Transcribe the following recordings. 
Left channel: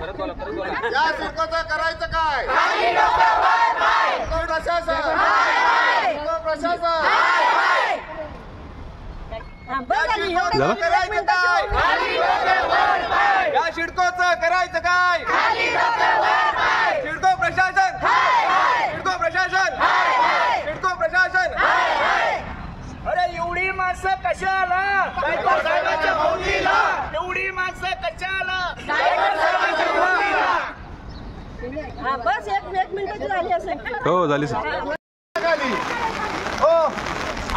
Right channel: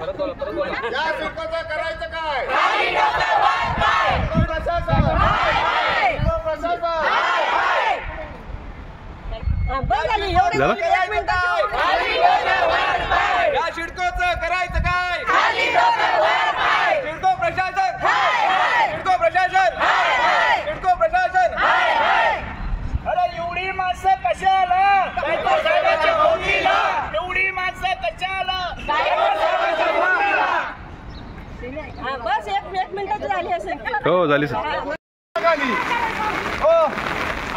या सिडकोचं करायचं काय? प्रशासन या सिडकोचं करायचं काय? सिडको प्रशासन, सिडको प्रशासन, सिडको प्रशासन. अरे एवढी माणसं कशाला? साहेबांच्या भोवतीला एवढी माणसं कशाला? बस एक मिनिटाची झाली असेल. हो झाली सर. हो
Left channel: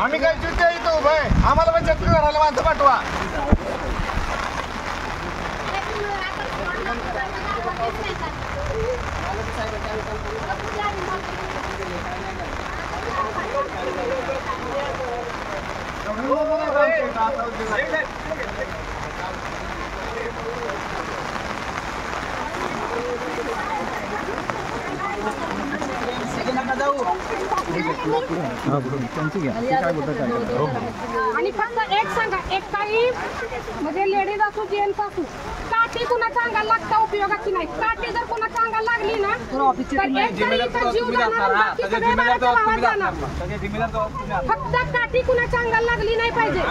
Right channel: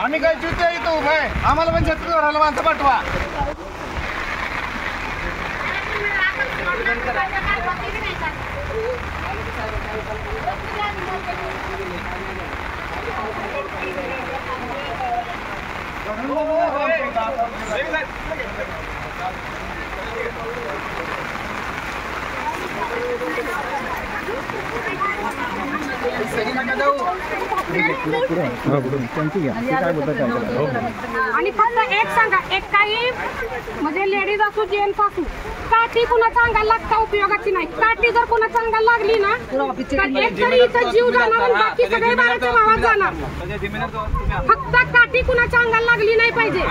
आम्ही काय चुकतो इथं उभं आहे, आम्हाला पण छत्री धरायला माणसं पाठवा. आणि फक्त एक सांगा, एक काही म्हणजे लेडीज असो जेंट्स असो, काठी कुणाच्या अंगाला लागता उपयोगाची नाही. काठी जर कुणाच्या अंगाला लागली ना तर एक तरी इथं जीव जाणार, बाकी सगळे बाहेरच्या भावात जाणार. फक्त काठी कुणाच्या अंगाला लागली नाही पाहिजे.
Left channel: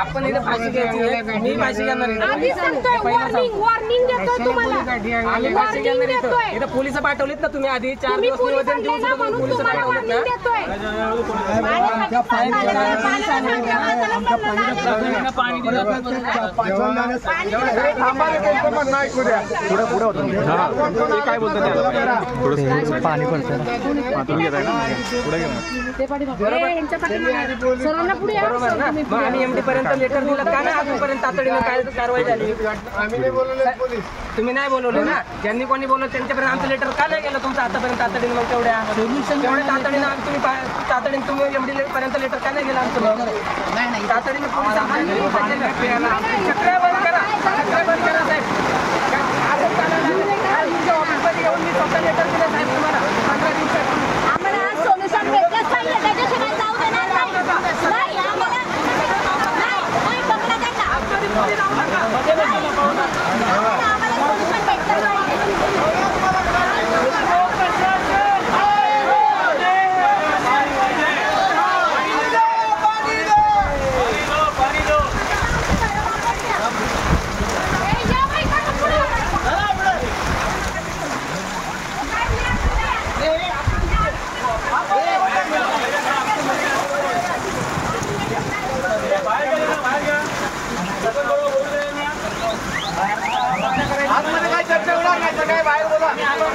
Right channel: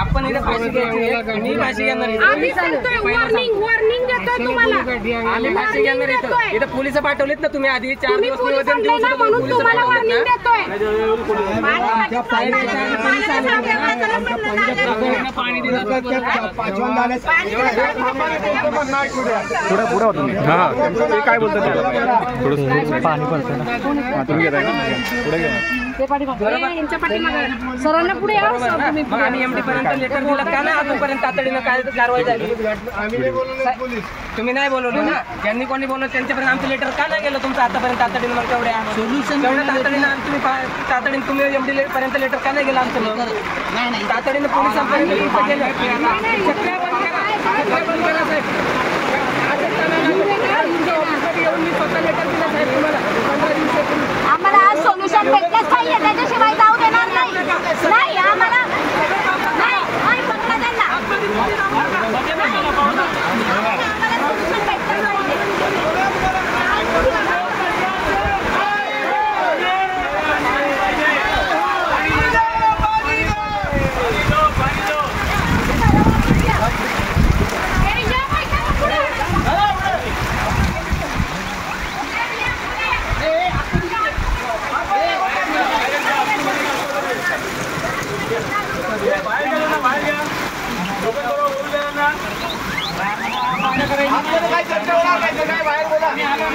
आपण इथे फाशी घ्यायची, मी फाशी घेणार. आधी सांगतोय, वॉर्निंग देतोय तुम्हाला. आम्ही फाशी घेणार इथं. इथं पोलिस पाठवलेत ना तुम्ही आधी 4 दिवस निवेदन देऊन सुद्धा पोलिस पाठवलेत ना. पाणी दिलं काय बोलतात त्याला थोडं पाणी पडतं ना, तुम्ही घेताय ना पुढे घ्या. सरांना पुढे आम्ही एमडी पर्यंत लेटर दिलं का नाही अजूनपर्यंत तातडीनं काय कारवाई झाली? तुम्ही नाही बोलवले ना, ज्यांनी कोणी बोलवलं त्यांच्यापर्यंत आमचं लेटर का नाही गेलं तुमचं आतापर्यंत तातडीनं? मग तेवढ्या तातडीनं तुम्ही तातडीनं तुम्ही एमडी पर्यंत लेटर का नाही गेलं आमचं? तातडीनं पोलिसांपर्यंत चक्र्या बंद करा, चक्र्या बंद करा साहेब. मी स्वतः लेटर दिलं साहेब तुम्हाला 15 दिवसापूर्वी. आम्हाला आज सोल्युशन भेटलंच पाहिजे, त्याच्याशिवाय जाऊ देणार नाही. आम्हाला नाही पकडा त्यांना.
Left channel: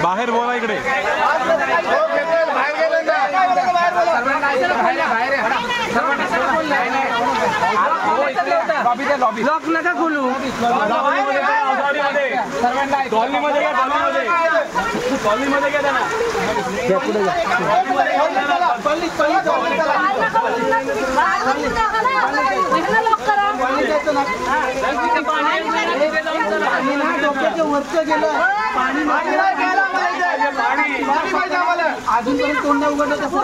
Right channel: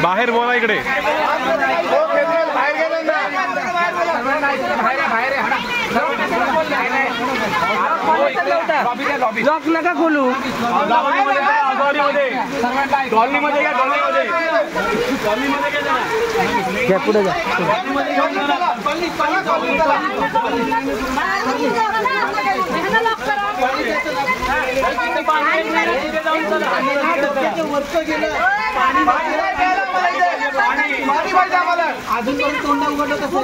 बाहेर बोला इकडे. बाहेर गेले ना लॉक नका खोलू. अजूनपर्यंत तोंड उघडलं कसं?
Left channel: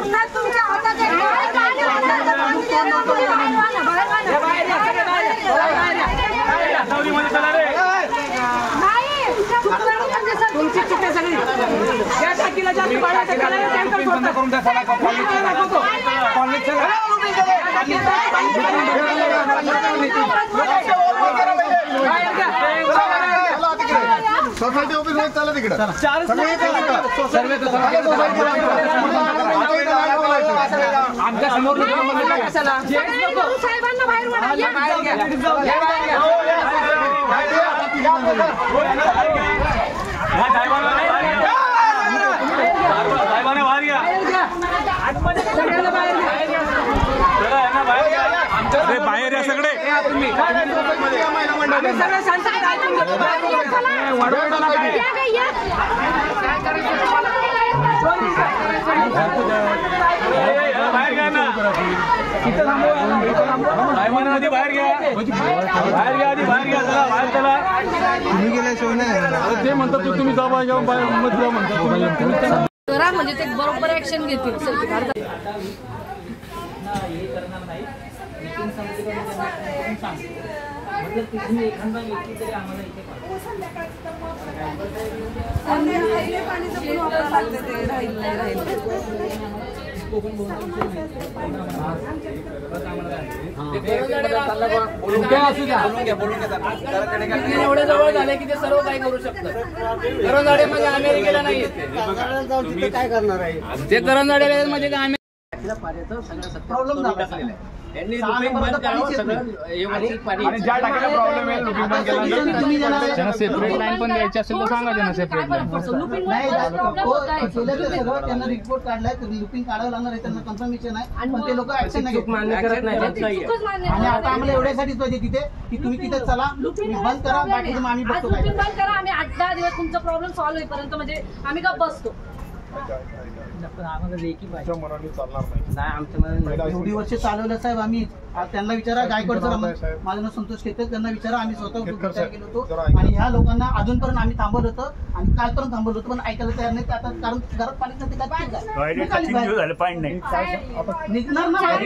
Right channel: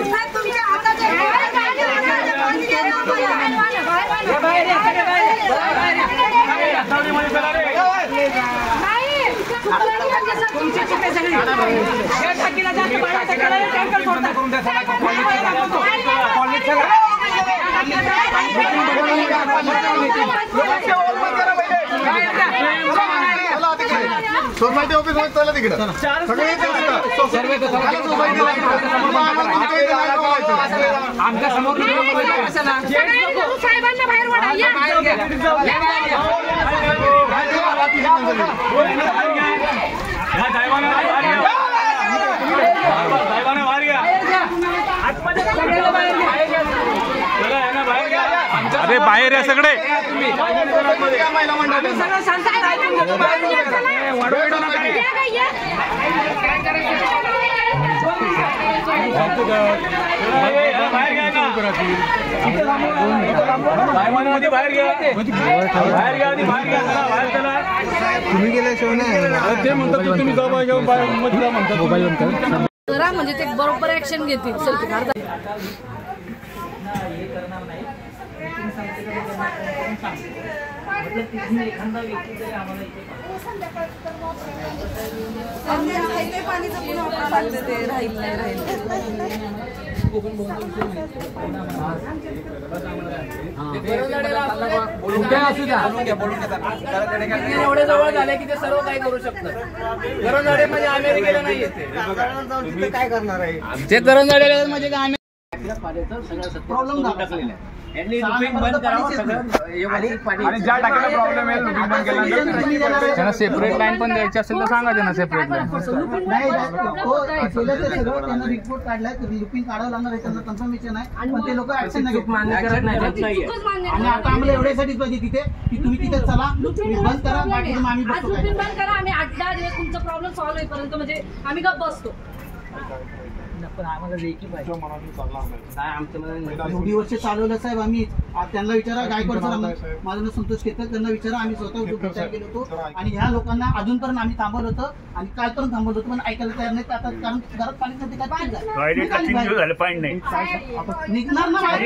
तुमची चिठ्ठी सगळी या टाकीला जास्त पाणी टाकायला टँकर सोडता करून द्या. चला कॉलेज चला. सोसायटी ऑफिस मध्ये चला तिकडे. आमच्या समोर साहेबांना बाहेर अरे बाहेर या सगळे. तुम्ही गेल्याशिवाय नाही ते म्हणतात तुम्ही जवळ घेऊन मध्ये म्हणतात करा म्हणजे ते बरोबर ऍक्शन घेतील. एखादा व्यक्ती तरी आम्हाला इथे पाणीचं पण वापरावं लागतं ते राहील नाही राहील एवढे जवळ झाले की ते सर्व काही करू शकतात. दरंजाडे म्हणजे अमेरिकेला नाही येते काय करणार आहे ते दरंजाडे म्हणजे प्रॉब्लेम झाला आणि ज्या टाकीला प्रॉब्लेम आहे लुपिंग बंद केल्यानंतर त्यांना सेपरेट लाईन पण द्यायची असेल तर सांगा त्यांना सेपरेट लाईन. त्यांना रिपोर्ट काढलाय लुपिंग काढावं लागणार आहे त्यांना कन्फर्मेशन आहे पण ते लोक ऍक्शन नाही घेत मान्य करत नाही. आणि आता आम्हाला एवढ्यासाठीच पाहिजे तिथे की तुम्ही तिथे चला तुम्ही बंद करा बाकीचं आम्ही आज बघतो काय लुपिंग बंद करा. आम्ही 8-10 दिवस तुमचा प्रॉब्लेम सॉल्व्ह होईपर्यंत म्हणजे आम्ही गप्प बसतो. एवढी वर्ष चालवलं साहेब आम्ही. त्यांना विचारा गायकवाड सर माझं नाव संतोष केतकर त्यांना विचारा आम्ही स्वतः विचार केलो होतो आणि ह्या लोकांना अजूनपर्यंत आम्ही थांबवलं होतं आणि कालपर्यंत थांबवलं होतं पण ऐकायला तयार नाही आता कारण घरात पाणी नाही निघणार ना काय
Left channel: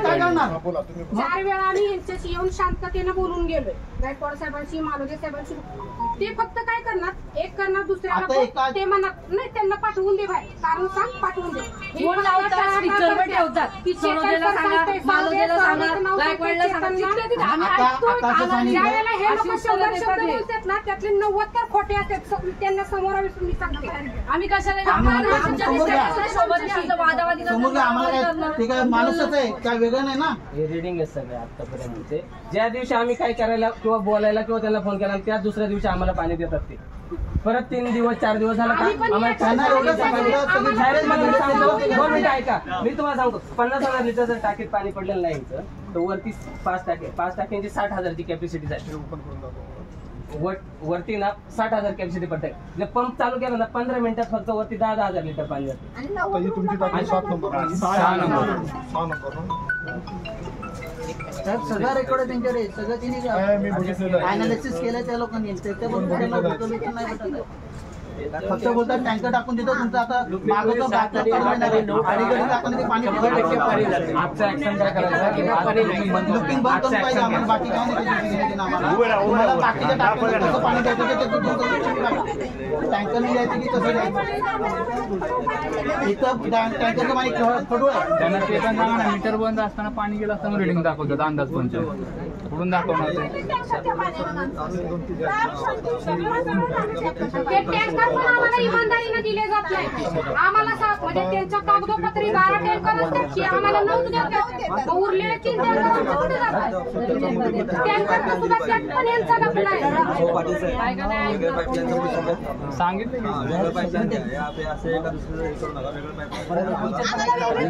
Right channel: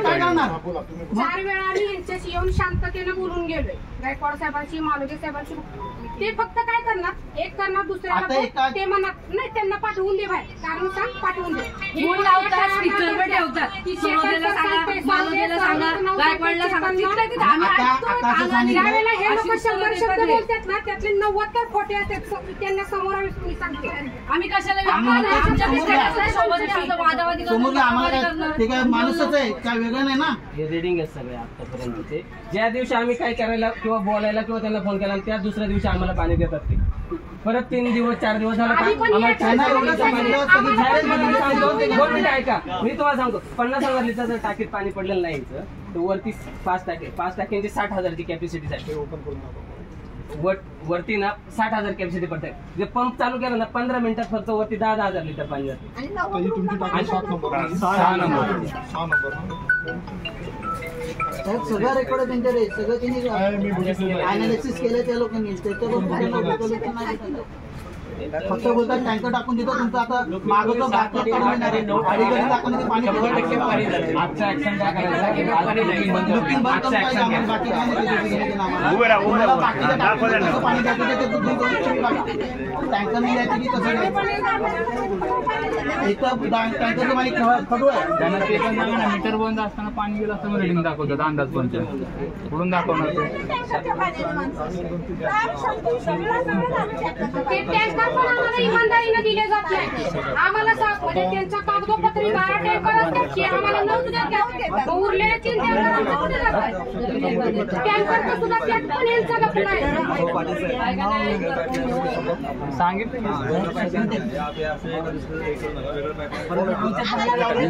करणार. 4 वेळा आम्ही यांच्याशी येऊन शांततेने बोलून गेलोय गायकवाड साहेबांशी मालोजे साहेबांशी. ते फक्त काय करणार एक करणार दुसऱ्याला ते म्हणत नाही त्यांना पाठवून दे बाहेर कारण सांग पाठवून दे फोन लावतात स्पीकरवर ठेवतात सरोदेला सांगा मालोजेला सांगा गायकवाडला सांगा तिथल्या तिथे आम्ही ऐकतो. ज्यावेळेला हे लोक 100 शब्द बोलतात ना त्यातले 90 तर खोटे असतात. त्यांना समोर मी सांगते आम्ही कशाला आमच्या सोबत आमचं वादावादी समोर आम्हाला ते काय माणूसच आहे काय वेगळं नाही ना. हे रिडिंग आहे सगळे आतापर्यंतचे. ज्या दिवशी आम्ही काय करायला किंवा बोलायला किंवा त्यांना फोन केला त्या दुसऱ्या दिवशी आम्हाला पाणी देतात ते. परत 3 दिवस 4 दिवस झाला ऐका मी तुम्हाला सांगतो 50,000 लिटरचं टाकीत पाणी पडलेलं नाही तर वरती 5 टाक्यांची 60,000ची कॅपॅसिटी आहे. वरती ना 60,000 कॅपॅसिटी पडते. पंप चालू केला ना 15 मिनिटात फक्त वरती 10,000 लिटर पाणी जाते. 6 नंबर साहेब सगळं रेकॉर्ड आहे त्यांच्याकडे सगळं त्यांनी अनालिसिस केलं त्या लोकांनी फक्त बोलतात टँकर टाकून देतो तुमचं आता मागं पाणी लुपिंग बंद करून बाकी टँकर नाही द्यायचं की कसं टँकरचं पाणी खडू आहे. त्यांना ते पण सांगा ना मीटर बंद असताना पाणी गेलं असताना रिडिंग दाखवतात अंदाज पंच कुठून दाखवणार ते टँकर पण आम्हाला इमानदारीने दिले जात नाही. आम्हाला म्हणजे त्यांच्या कागदोपत्री 12 टँकर असतात की आम्हाला 9 देतात उरलेले 3 टँकर सुद्धा त्यात पण यांचा गप्पा सांगितलं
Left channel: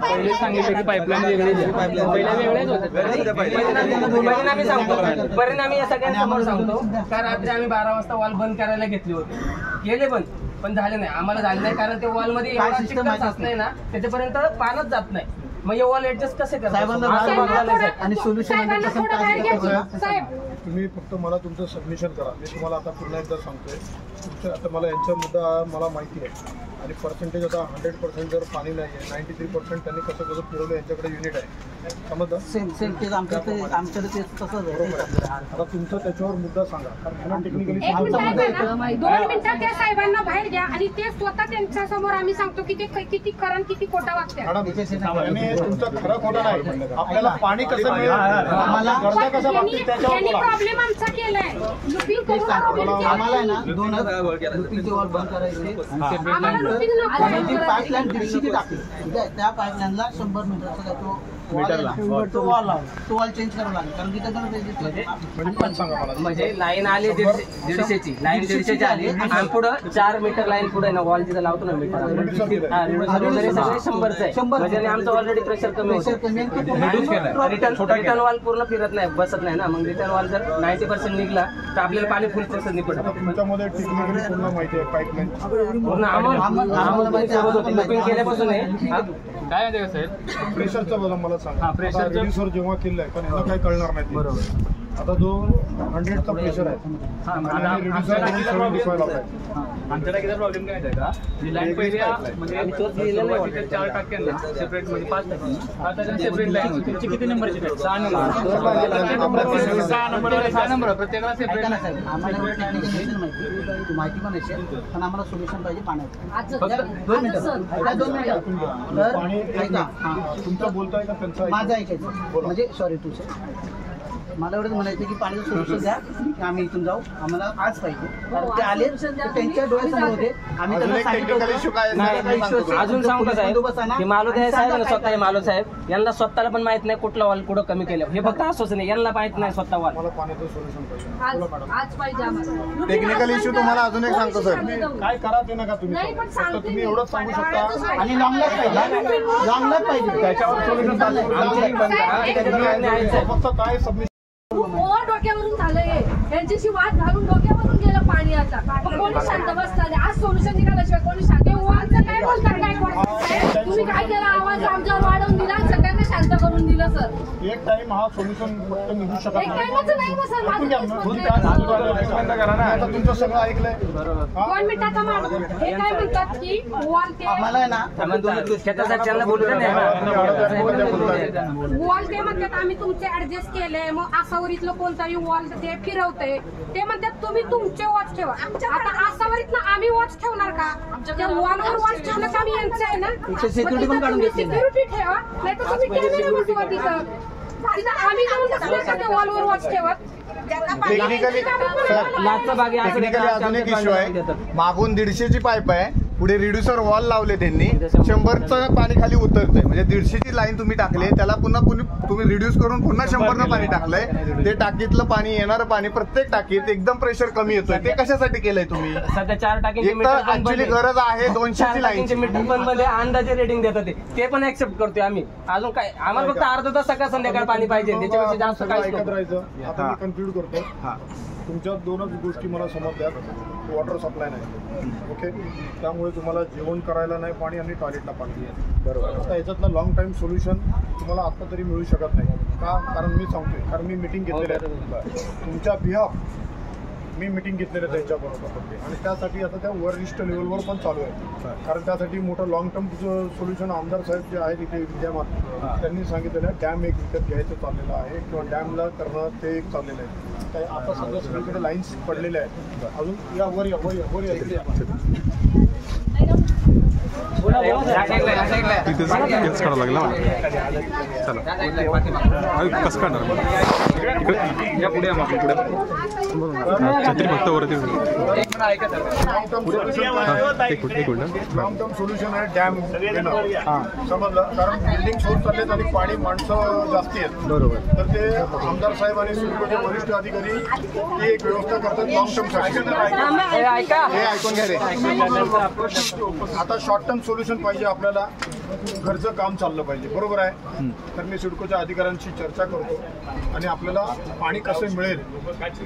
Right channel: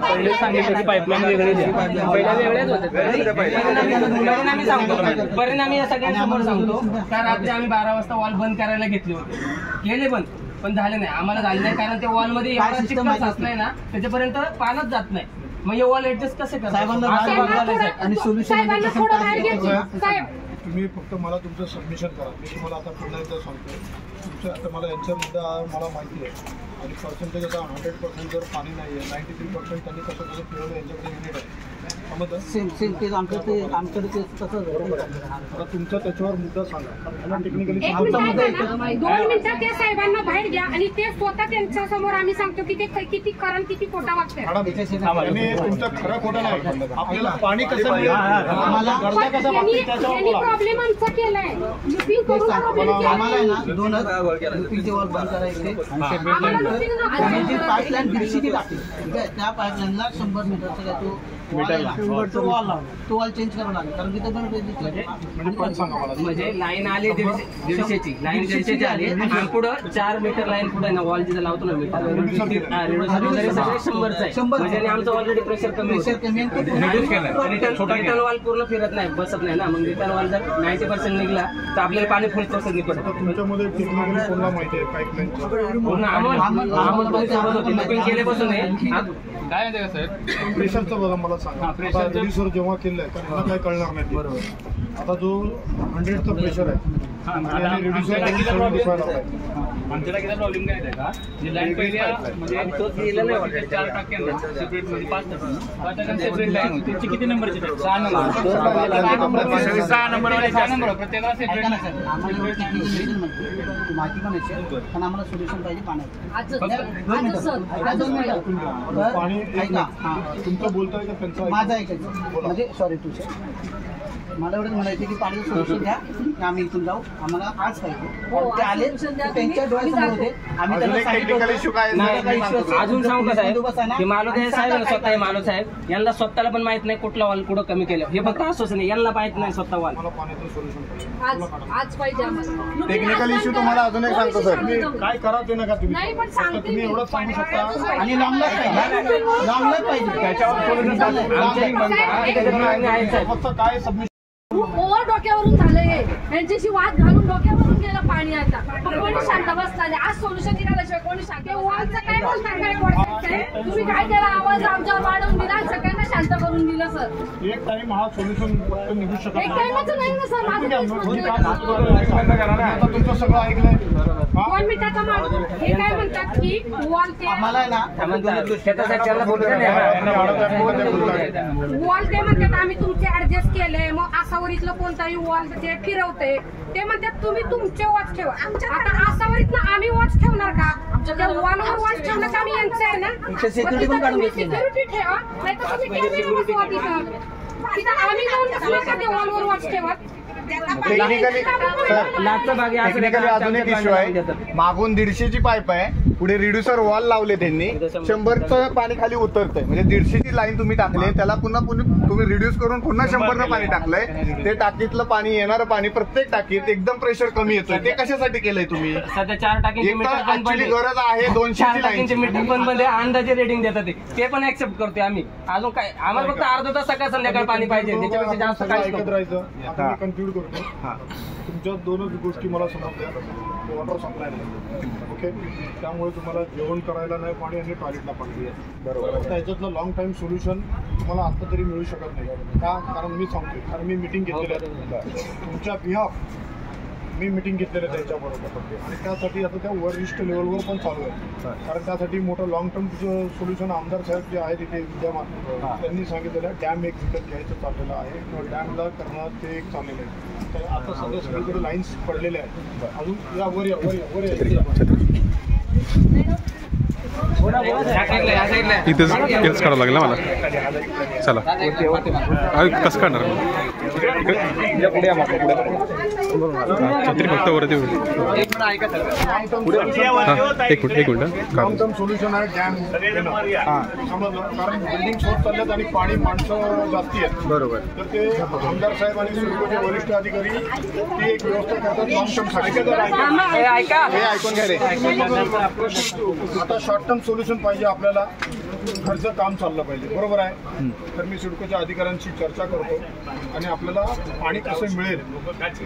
पहिले सांगितलं की पाईपलाईन वेगळी द्या. परिणामी या सगळ्यांसमोर सांगतो का रात्री आम्ही 12 वाजता वॉल बंद करायला घेतले होते. केले बंद पण झाले नाही. आम्हाला झाले नाही कारण त्या वॉल मध्ये एवढा चिकट साचलाय ना त्याच्यापर्यंत पाणच जात नाही. मग हे वॉल ऍडजस्ट कसे करतात आणि सोल्युशन तुम्ही फक्त मला तुमचं सबमिशन करा. मी तुम्हाला आता पुन्हा एकदा सांगतोय तुमचं आता मला यांचा मुद्दा मला माहिती आहे आणि पर्सेंटेज आता 100% जर पाणी नाही आहे 93% त्यांनी कसं फिरवलं यांच्याकडे युनिट आहे समजलं सेम तेच आमच्याकडे ते तसंच आहे. आता तुमचं त्याच्यावर मुद्दा सांगा टेक्निकली 2 मिनिटात त्या साहेबांना बाहेर घ्या आणि ते स्वतः त्यांच्या समोर आम्ही सांगतो की ते किती खरं किती खोटा वागतात. तुमचं खरं खोटं नाही आपल्याला पाणी कसं मिळेल आम्हाला कसं प्रॉब्लेम आमचा केलाय लुपिंग करून आम्हाला ना 2 लुपिंगचे वॉल बंद करायचे आणि जी पाईपलाईन 150 टाकली ठीक आहे. त्या पाईपलाईनला 100 मीटरचा काय तो वॉल चेंज करावा लागेल कारण की म्हणजे लाईन आली 150ची लाईन 150ची आली आणि पुढं 4 मीटर लाईन पुढे ना वॉल जिथं लावतो ना मीटर वगैरे सगळे 100चं आहे. म्हणजे आमचं ऑलरेडी प्रेशर कमी रिटर्न वॉल पूर्ण फिरत नाही बसत नाही ना. मग रिटर्न वॉल जर 90% निघला तर आपल्याला पाणी फुल प्रोसेस निघतं. पूर्ण आम्हाला माहिती होती लुपिंग केल्यापासून काय माहिती का साहेब प्रेशरचं बघा मला सांगा. प्रेशर जेव्हा केलंय पण काय कळणार नाही. बरोबर आता जो 100चा प्रेशर आहे आमच्या टाकीचा प्रॉब्लेम काय आहे का लाईन पहिली म्हणजे 4 टाक्यांना सेपरेट म्हणजे 5 टाक्यांना सेपरेट लाईन होती. त्याची किती नंबरची? 6 नंबर. 6 नंबर प्रत्येकाला सेपरेट. माहिती पण असेल पण आम्हाला सोल्युशन पाहिजे पाण्याचं. पाणी तुमचं बोलताय का त्यांचं? माझं ऐकायचं म्हणजे सॉरी तुझं मला एवढंच म्हणायचं की पाण्याचं सोल्युशन द्या की आम्ही इथून जाऊ, आम्हाला आज पाहिजे. ते आले त्यांच्या डोळ्यासमोर होते. आम्ही त्यांना अजून सांगू का साहेब की मालोदे साहेब स्वतः मालो साहेब यांना स्वतःला पण माहित नाही कुठला वॉल कुठं कमी केलं. हे फक्त असंच नाही, यांना माहित नाही स्वतः वॉल. पाण्याचं सोल्युशन आज पाहिजे आम्हाला. टेक्निकल इश्यू तुम्हाला अजून एक सांगतो सर. काय करा ते नका तुम्ही, नाही, पण फक्त सांगते तुम्ही मी. एवढंच सांगू शकता. आणि लॉंगलाच पाहिजे, लॉंगलाच पाहिजे. त्याच्यावर सोल्युशन फक्त काय सबमिशन ओव्हर डोक्यावरून झालंय. यांच्याशी वाद घालून डोक्यावरून गेलं पाणी. आता कोणी शांत बसताले. आज सोल्युशन निघाल्याशिवाय कोणी शांत वॉलचं काय बोलतात? काय तुम्ही काय केला? आवाज आमच्यावर वाढवून दिला, सगळ्यांना शांत करून दिलं सर. एक टाइम हा सोल्युशन निघू शकत एक टाइमच नाही ना सर. माझं तेच म्हणणं आहे. आता तुमचं सगळं ऐकलंय. 2 मिनिटाचा माणूस हे काय म्हणतात की वॉल ते आम्हाला ना वॉल ते म्हणतात आम्ही तुमचे ऍडजस्ट केले, मग आसावरीतलं कोणताही वॉल ते फिरवते. ते म्हणतात तुम्ही तुमचे वॉच ठेवा. आता आसावरीतनं आम्ही वॉच ठेवणार का? त्या वॉलवर वॉच ठेवणं का आम्ही यांचं आहे ना. सिक्युरिटी पण काढून घेतली ना. सिक्युरिटी ठेवा, नाही तर तुम्ही कॅमेरा बसवा तिथं. आम्ही जाऊन बसलो का त्या वॉलवर वॉच ठेवत. टेक्निकली अजून एक इश्यू आहे. मागून 150ची पाईप आहे, पुढे रिड्युसर वॉल लावले त्यांनी. 100चं पाणी खाली उतरतंय. म्हणजे 150ची लाईन तुम्ही टाकले, त्याला पुन्हा तुम्ही रिड्यूस करून पुन्हा 100नं पाणी टाकलंय. ते टाकीतलं पाणी, येणारं पाणी प्रत्येक टाकीत एकदम प्रेशर कमी येतोय. ते कशासाठी केलंय तुम्ही? सध्या 4 टाकींची एक तर ऍक्च्युअली गरज आहे 200ची लाईनची. मीटर पण मध्ये अंदाजे रेटिंग देतात ते पण ऍक्सेप्ट करतोय आम्ही. अजून काय आम्हाला फक्त अर्धा तास सकाळ संध्याकाळ पाणी पाहिजे, त्याच्यापेक्षा जास्त काहीच ऐकत नको. राहायचं. आता मी कन्क्लूड करतो. तुमच्या 2च गोष्टी मला समजतात. वॉटर सप्लाय नाही, ओके. त्यामुळे तुम्हाला जेवण करायला नाही पाणी आणि टॉयलेटला पाणी आहे. बरोबर. आता याच्यातलं लॉंग टाईम सोल्युशन तुम्हाला आता तरी मिळू शकत नाही का? कारण मी सांगतोय, कारण मी मिटिंग घेतलेली आहे तुमच्या बिहाफ. मी मिटिंग घेतलेलं आहे त्यांच्याबरोबर आणि त्यासाठी आता त्या वरिष्ठ लेवलवर पण चालू आहे. कारण त्यासाठी मोठं लॉंग टर्म सोल्युशन आमदार साहेब जे आहेत इथे विद्यमान त्यांनी सांगितलेलं आहे. डॅम एक विकत घ्यायचं चाललेलं आहे किंवा डॅमला करणं ते एक चाललेलं आहे. आता सध्या सगळीकडे लाईन्स पडलेल्या आहेत. अजून या वर या इथेच काढावं लागेल ना मला. चला कसं काढणार छत्री फक्त वरती होईल. एक मिनिट लॉंग टर्म सोल्युशन आहे डॅम समजलं. कारण बिल्डिंग सोर्स चाललेत आणि पाणी माणसं जास्ती आहेत. बरोबर. तर ते आमदार साहेब आणि सुरक्षेचे वरिष्ठ अधिकारी ते एक व्यवस्था करतात लॉंग टर्म साठी. हे ऐकून घ्या रे. आता शॉर्ट टर्म सोल्युशन पाहिजे आपल्याला. घरचं काम चाललं पाहिजे, बरोबर आहे. तर मी सिडकोच्या अधिकाऱ्यांशी चर्चा करतो आणि आपल्याला पाणी कसं मिळेल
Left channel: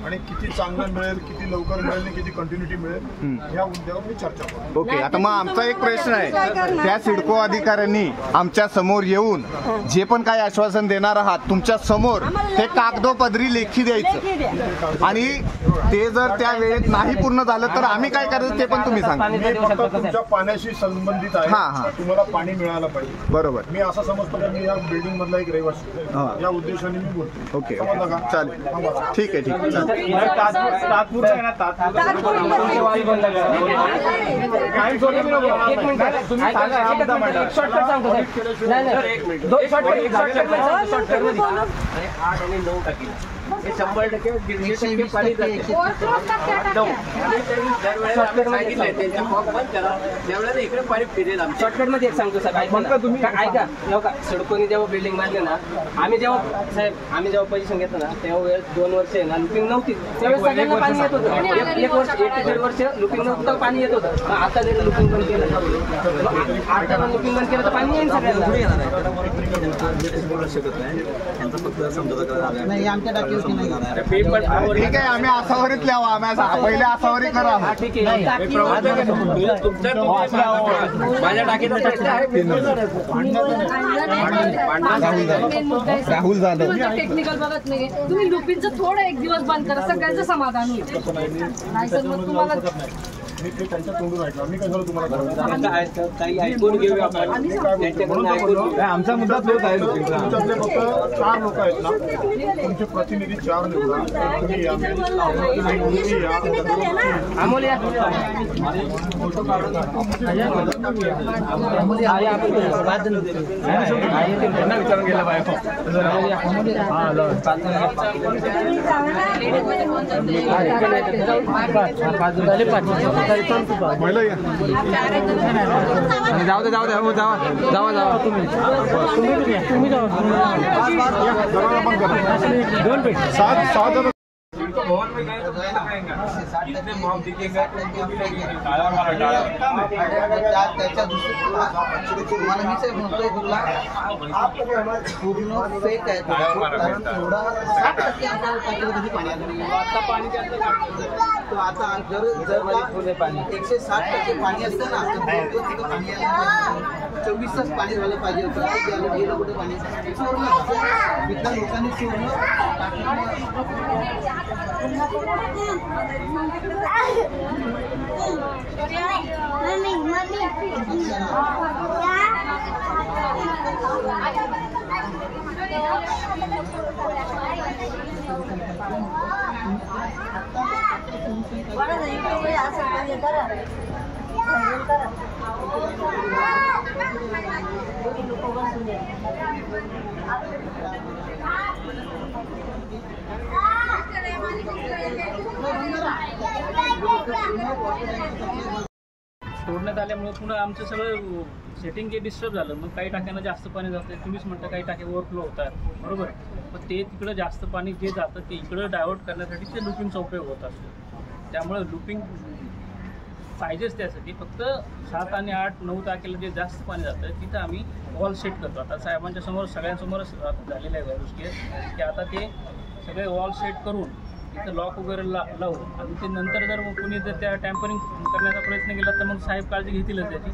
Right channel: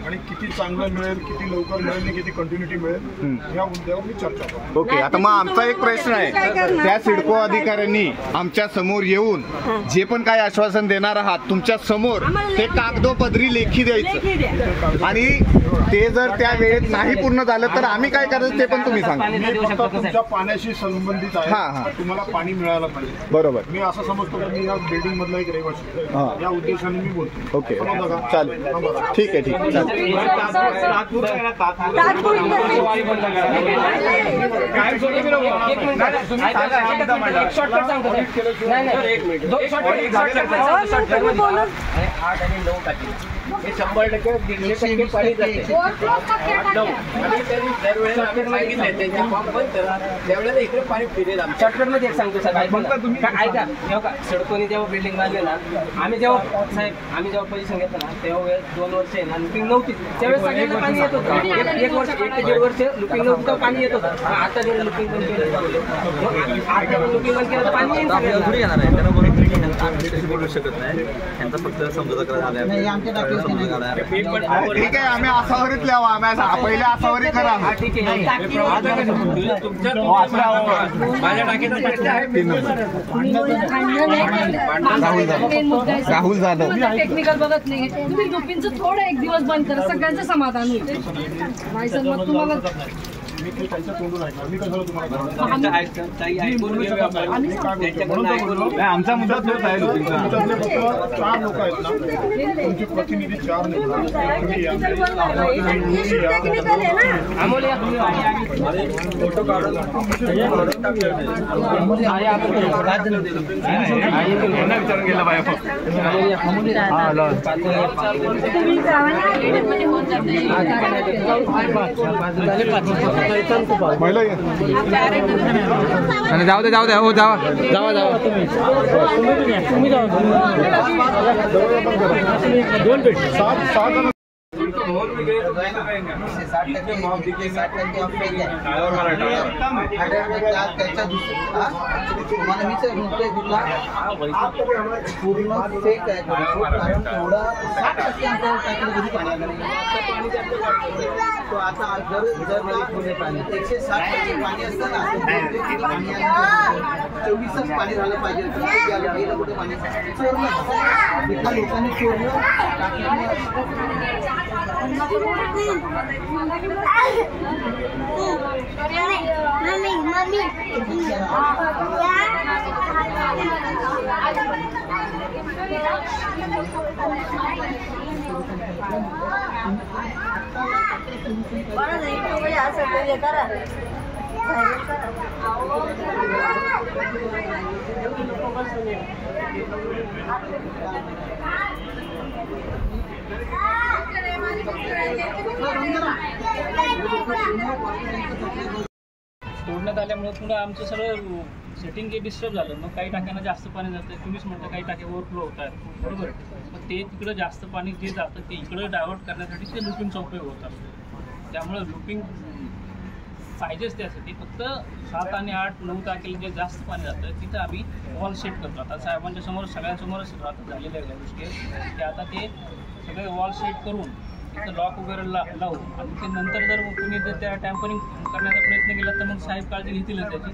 आणि किती चांगलं मिळेल, किती लवकर मिळेल आणि किती कंटिन्युटी मिळेल या मुद्द्यावर मी चर्चा करतो. ओके. आता मग आमचा एक प्रश्न आहे. त्या सिडको अधिकाऱ्यांनी आमच्या समोर येऊन जे पण काही आश्वासन देणार आहात तुमच्या समोर ते कागदोपत्री लेखी द्यायचं आणि ते जर त्या वेळेत नाही पूर्ण झालं तर आम्ही काय करायचं ते पण तुम्ही सांगा. मी फक्त तुमच्या पाण्याशी संबंधित आहे. तुम्हाला पाणी मिळालं पाहिजे. बरोबर. मी असं समजतो की मी या बिल्डिंग मधला एक रहिवासी या उद्देशाने मी बोलतो. ओके चालेल. ठीक आहे ठीक आहे. शॉर्टकट सांगतो साहेब. नाही 100% पाणी जाते. शॉर्टकट मध्ये एक सांगतो साहेब, ऐका. का सडकोनी जेव्हा बिल्डिंग बांधली ना, आम्ही जेव्हा पोझिशन घेतो ना तेव्हा 2 वर्ष आहे ना लुपिंग नव्हती. त्यावेळेस सगळ्यांना पाणी येत होतं. 1 वर्ष 1 ते 1.5 वर्ष लुपिंग नव्हतं, पाणी येत होतं. आता जर लुपिंग बंद केलं, आता लुपिंग बंद केलं तर पाणी येईल सगळ्यांना. नाही आमच्या टाकी ठीक आहे, आम्ही आसावरीत लिहावा, आम्ही पहिले आसावरी करा. ठीक आहे. राहुल जाधव टेक्निकल बघत नाही. तुम्ही लुपिनचं थोडं एक दिवस बंद करा, सगळ्यांचं समाधान होईल. नाही सर, मग तुम्हाला मी ते त्यांच्या तोंडून ऐकलं. मी कशाला तुम्हाला आमचा मुद्दा तोच आहे. तुमच्यातले फक्त 4 लोक आहेत ना, तुमचे प्रतिनिधी 4 निवडा. तुम्ही या, अमोल या. फोटो काढून विचारून गेला पाहिजे. जाऊ दे हो जावा तुम्ही दोन पेट 7 पूर्ण फेक आहे. तो आता जर 160% पाणी असतं ना, 24च पाणी झालं पाहिजे होतं. गेलं कुठे पाणी चोरलं, इथल्या लोकांनी चोरलं. सोडण्यात आल्यामुळे पुन्हा आमचं सगळं सेटिंग हे डिस्टर्ब झालं. मग काही टाक्यांना जास्त पाणी जातं, तुम्हीच म्हणता काही टाके ओव्हरफ्लो होतात, बरोबर. मग ते तिकडं जास्त पाणी जे जातं ते इकडं डायव्हर्ट करण्यासाठी ते लुपिंगचा उपयोग होत असतो. त्यामुळे लुपिंग पाहिजेच त्यासाठी. फक्त 7 आणि 8, 9 तारखेला जे जास्त पाणी जातं तिथं आम्ही वॉल सेट करतो. आता साहेबांच्या समोर सगळ्यांसमोरच झालेल्या आहे गोष्टी, की आता ते सगळे वॉल सेट करून तिथं लॉक वगैरे लावू. आणि ते नंतर जर कुणी जर त्या टॅम्परिंग करण्याचा प्रयत्न केला तर मग साहेब काळजी घेतीलच त्याची.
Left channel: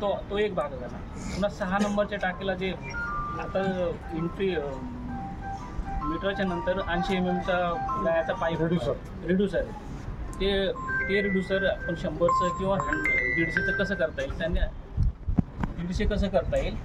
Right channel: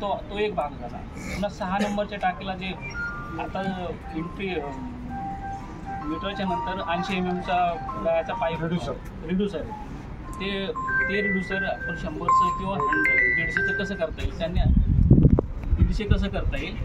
तो एक भाग झाला. पुन्हा 6 नंबरच्या टाकीला जे आता एंट्री मीटरच्या नंतर 80 mm याचा पाईप रिड्युसर ते रिड्युसर आपण 100चं किंवा 150चं कसं करता येईल, त्यांनी 150 कसं करता येईल